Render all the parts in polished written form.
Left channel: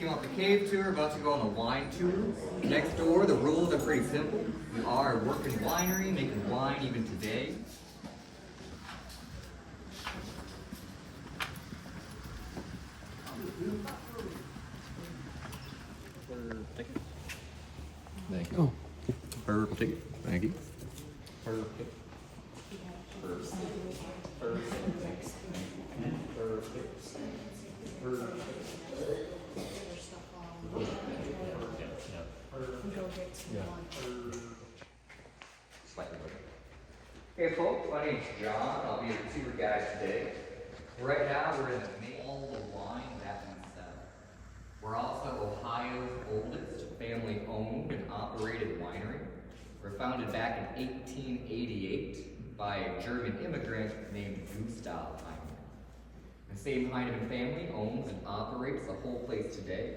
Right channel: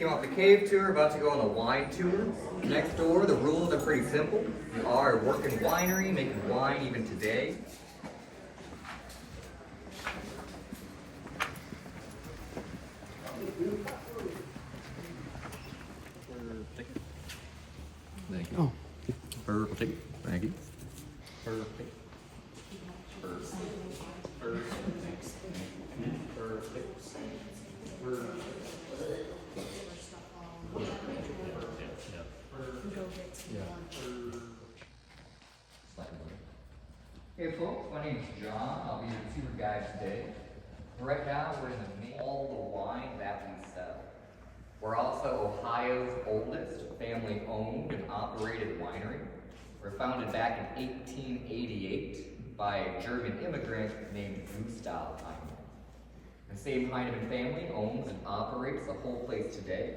Came off the cave tour, about to go on the wine tour. Next door, the rules are pretty simple. We are a working winery, making wine even today. Thank you. Oh. Perfect. Thank you. Perfect. Perfect. Hey folks, my name's John. I'll be your tour guide today. Right now we're in the main all the wine that we sell. We're also Ohio's oldest family-owned and operated winery. We're founded back in 1888 by a German immigrant named Gustav Heineman. The same Heineman family owns and operates the whole place today.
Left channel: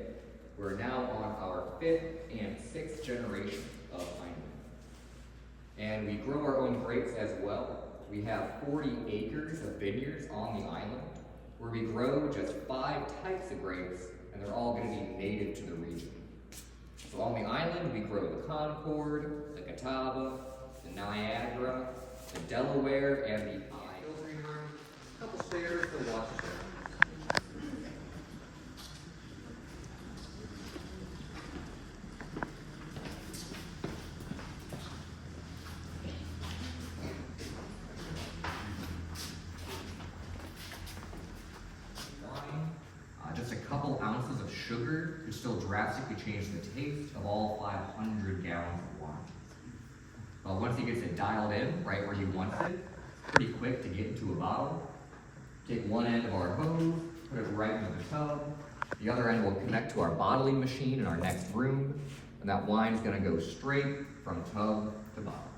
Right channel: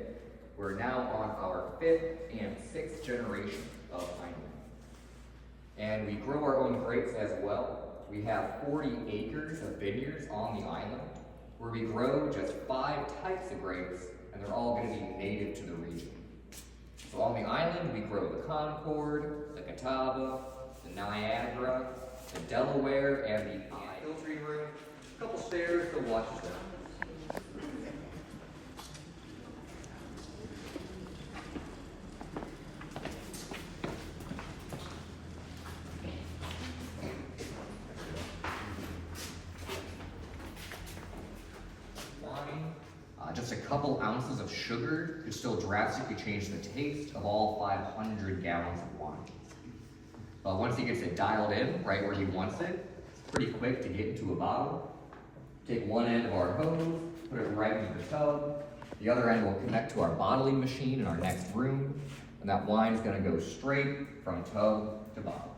We're now on our 5th and 6th generation of Heineman. And we grow our own grapes as well. We have 40 acres of vineyards on the island where we grow just 5 types of grapes, and they're all going to be native to the region. So on the island, we grow the Concord, the Catawba, the Niagara, the Delaware, and the Iowa Green Room, a couple stairs to Washington. Just a couple ounces of sugar could still drastically change the taste of all 500 gallons of wine. But once he gets it dialed in right where he wants it, it's pretty quick to get into a bottle. Take one end of our hose, put it right into the tub. The other end will connect to our bottling machine in our next room, and that wine is going to go straight from tub to bottle.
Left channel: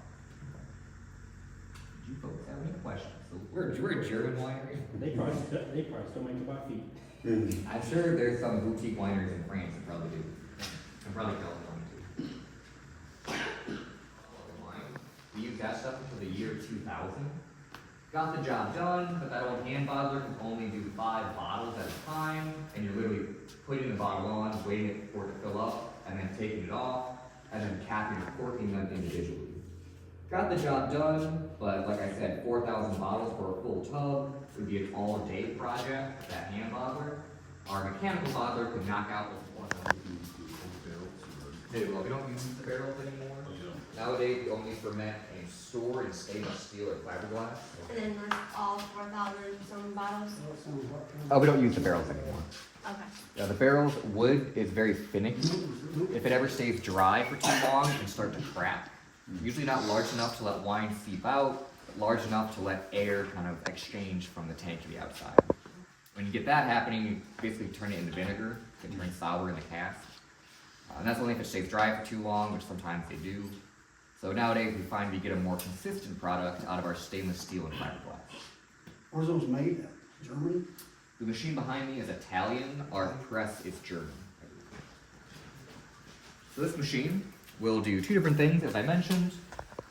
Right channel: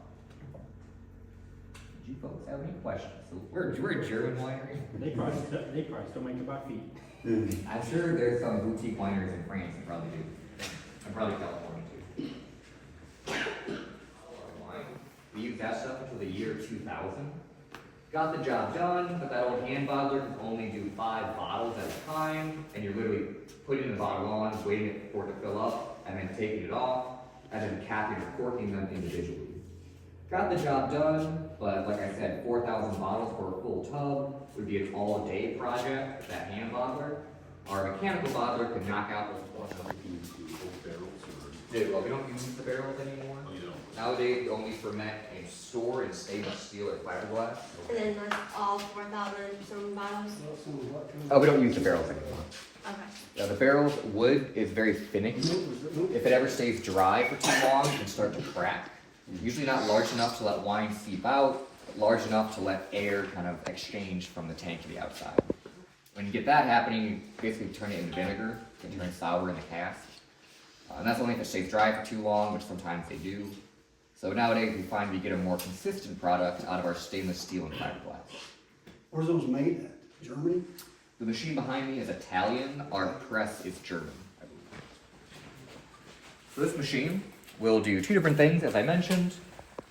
Did you folks have any questions? So we're a German winery. They probably still make about feet. I'm sure there's some boutique wineries in France that probably do. And probably California too. We used that stuff until the year 2000. Got the job done, but that old hand bottler can only do 5 bottles at a time, and you're literally putting the bottle on, waiting for it to fill up, and then taking it off, and then capping and corking them individually. Got the job done, but like I said, 4,000 bottles for a full tub would be an all-day project with that hand bottler. Our mechanical bottler could knock out those one. Well, we don't use the barrels anymore. Nowadays, we only ferment and store in stainless steel or fiberglass. And then that's all 4,000 some bottles? Oh, we don't use the barrels anymore. Okay. Yeah, the barrels, wood is very finicky. If it ever stays dry for too long, it can start to crack. Usually not large enough to let wine seep out, but large enough to let air kind of exchange from the tank to the outside. When you get that happening, you basically turn it into vinegar. It can turn sour in the cask. And that's only if it stays dry for too long, which sometimes they do. So nowadays we find we get a more consistent product out of our stainless steel and fiberglass. Where's those made at? Germany? The machine behind me is Italian. Our press is German. So this machine will do 2 different things, as I mentioned.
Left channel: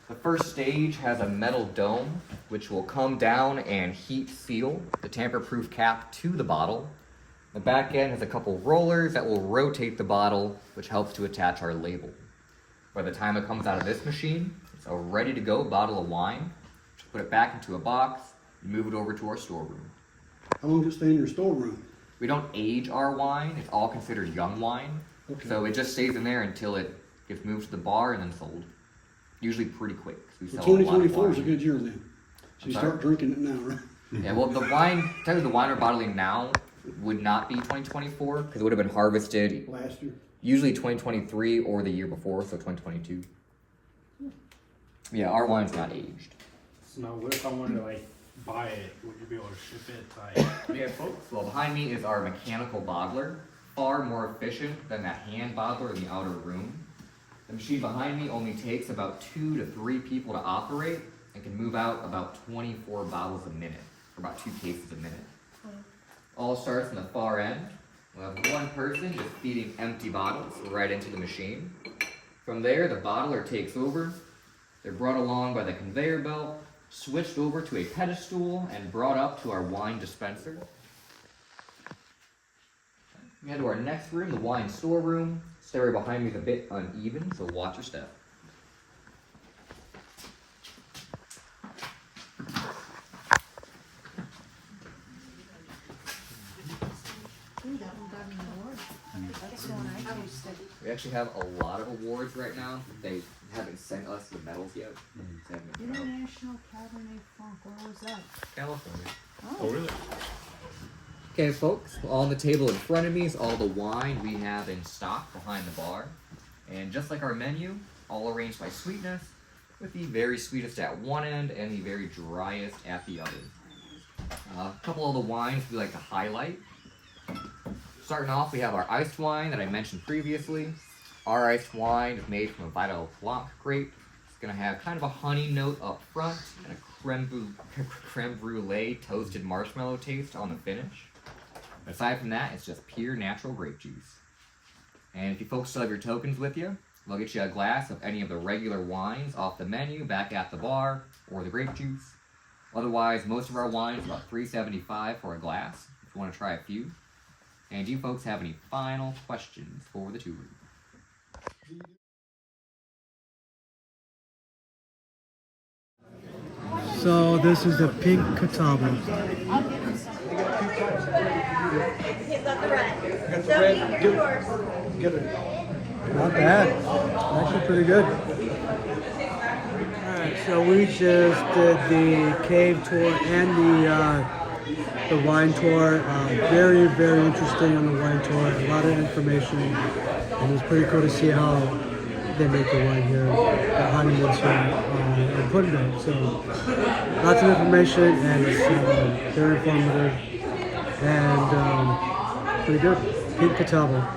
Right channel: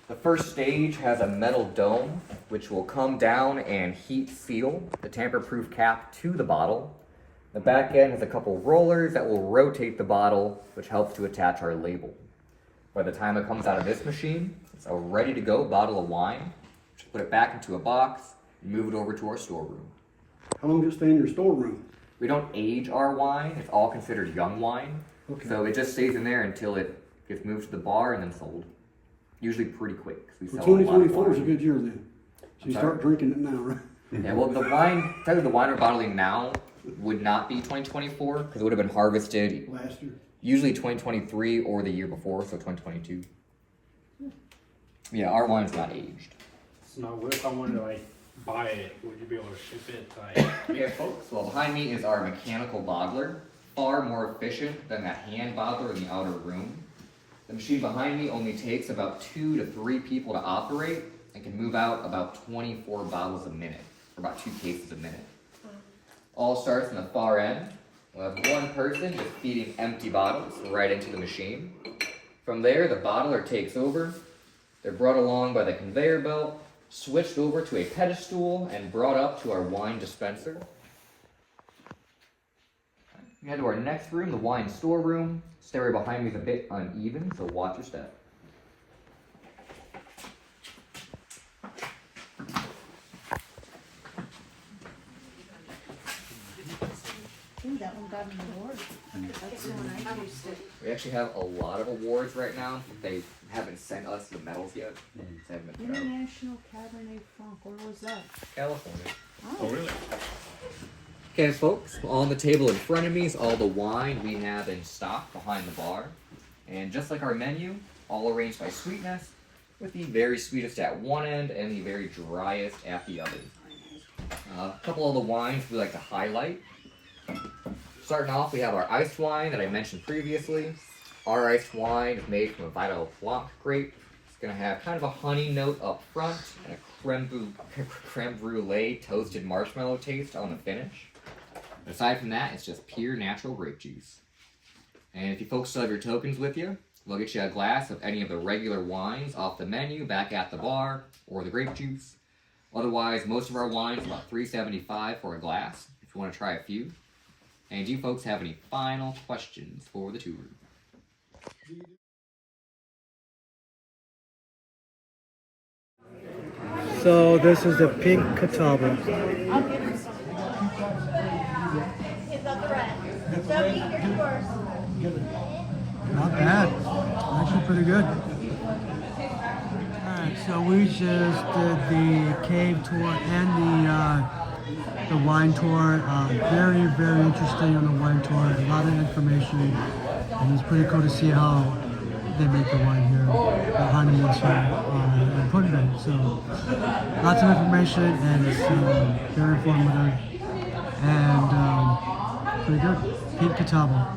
The first stage has a metal dome, which will come down and heat seal the tamper-proof cap to the bottle. The back end has a couple rollers that will rotate the bottle, which helps to attach our label. By the time it comes out of this machine, it's a ready-to-go bottle of wine. Just put it back into a box and move it over to our storeroom. How long does it stay in your storeroom? We don't age our wine. It's all considered young wine. Okay. So it just stays in there until it gets moved to the bar and then sold. Usually pretty quick, because we Well, sell a lot of 2024 is a wine. good year then. So you start drinking it now, right? Yeah, well, the wine, technically the wine we're bottling now would not be 2024, because it would have been harvested Last year. usually 2023 or the year before, so 2022. Yeah, our wine's not aged. So now, what if I wanted to like buy it? Would you be able to ship it? Like, Yeah, folks, well, behind me is our mechanical bottler, far more efficient than that hand bottler in the outer room. The machine behind me only takes about 2 to 3 people to operate and can move out about 24 bottles a minute, or about 2 cases a minute. All starts in the far end. We'll have one person just feeding empty bottles right into the machine. From there, the bottler takes over. They're brought along by the conveyor belt, switched over to a pedestal, and brought up to our wine dispenser. We head to our next room, the wine storeroom. Stairway behind me is a bit uneven, so watch your step. Ooh, that one got an award. That's so nice. We actually have a lot of awards right now. They haven't sent us the medals yet. They haven't been out. International Cabernet Franc, where was that? California. Oh, really? Okay, folks, on the table in front of me is all the wine we have in stock behind the bar. And just like our menu, all arranged by sweetness, with the very sweetest at one end and the very driest at the other. A couple of the wines we like to highlight. Starting off, we have our iced wine that I mentioned previously. Our iced wine is made from a Vital Blanc grape. It's going to have kind of a honey note up front and a creme brulee toasted marshmallow taste on the finish. Aside from that, it's just pure natural grape juice. And if you folks still have your tokens with you, we'll get you a glass of any of the regular wines off the menu back at the bar, or the grape juice. Otherwise, most of our wines are about $3.75 for a glass, if you want to try a few. And do you folks have any final questions for the tour? So this is the pink Catawba. Not bad. Actually pretty good. Alright, so we just did the cave tour and the wine tour. Very, very interesting on the wine tour. A lot of information. And it's pretty cool to see how they make the wine here at Heineman Winery in Puttendale. So lots of information, and it's very informative and pretty good. Pink Catawba.